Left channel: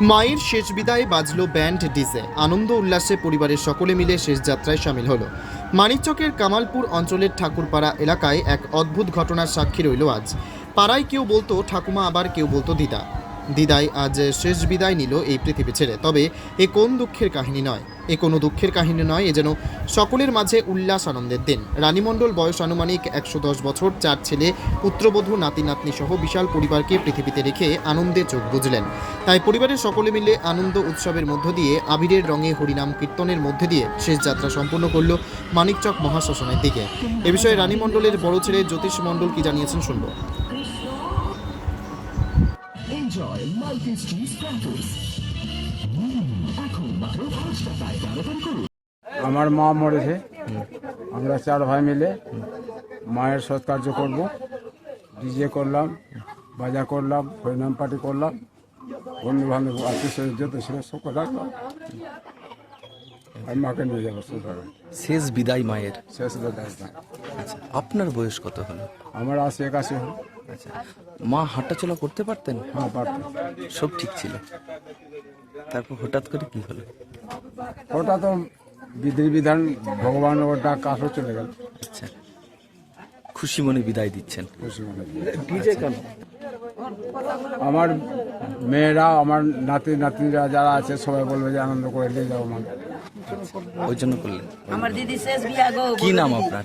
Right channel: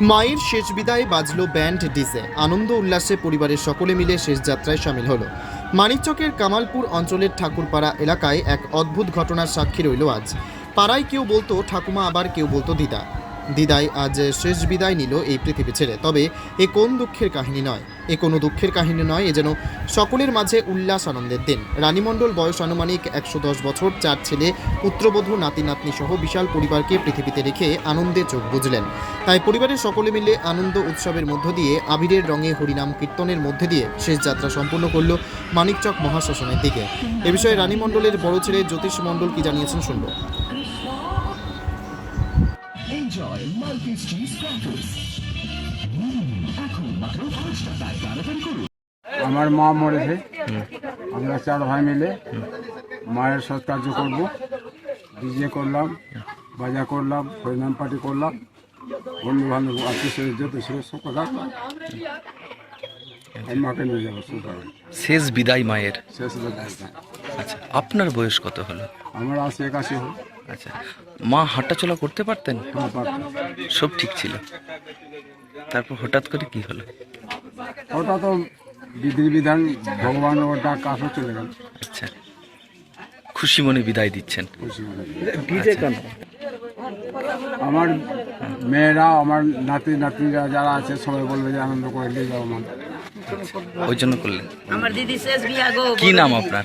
মায়ের শেষ বিদায় বাজলো ব্যান্ড ডিজে। আনন্দ উল্লাসে পরিবারের সকলে মিলে শেষ যাত্রায় সামিল হলো। মানিকচকের কামালপুর অঞ্চলের ঠাকুরপাড়া এলাকায় এক অদ্ভুত ঘটনার সাক্ষী রইল আজ। পাড়ায় কেউ বলতো, ঠাকুমা, আবার কেউ বলতো দিদা। দিদাই আজ শেষ বিদায় নিল এই পৃথিবী ছেড়ে। তবে এ কোন দুঃখের কাহিনী নয়। এ কোনো দুঃখের কাহিনী নয়, এ যেন সকলের মাঝে উল্লাস আনন্দের দিন। রানীমণ্ডল বয়স আনুমানিক একশো দশ বছর, চার ছেলে, পুত্রবধূ নাতি নাতনি সহ বিশাল পরিবারকে পৃথিবীতে রেখে আনন্দে চোখ বুঝলেন তাই পরিবারের সকলে মিলে আনন্দ উৎসবের মধ্য দিয়ে আবিরের রঙে হরিনাম কীর্তনের মধ্যে দিয়ে শেষ যাত্রা সম্পন্ন করল মানিকচক মহাশ্মশানের দিকে। এ বিষয়ে রানীমণ্ডলের বড় ছেলে জ্যোতিষ মণ্ডল কি জানিয়েছেন শুনব। Enjoy multi-cheese crackers. Mm, এখন মাত্র পাঁচ টাকায় তাড়াতাড়ি করুন। আমার মা মরেছে আমরা চার ভাই মিলে মায়ের সৎকার্য করব। ডিজে করলাম বাজা করলাম হরিনাম পার্টি করলাম। বন্ধু বান্ধব আত্মীয় স্বজন যত ছিল সব আর মাকে নিয়ে যাব শেষ বিদায় মায়ের। শেষ দায়িত্ব আচ্ছা আপনার বয়স কত হলো? আমার আশি একাশি হল। আচ্ছা। মা হাঁটাচলা করতে পারতেন? সব ঠিক ছিল। তারপর হঠাৎ করে কি হলো? ওটা তো বিধি বিধান ভগবান ওর ডাক কাছে চলে গেল। আচ্ছা। খুশি মনে বিদায় দিচ্ছেন? আচ্ছা। আমার মেয়েরা আমার নাতি নাতনিরা যারা আছে সবাই বলবে যে আনন্দ করে নিয়ে যাও মা। ওই জন্য করলেন? আমার দিদি শেষ বিয়া গো। কি নাম আপনার?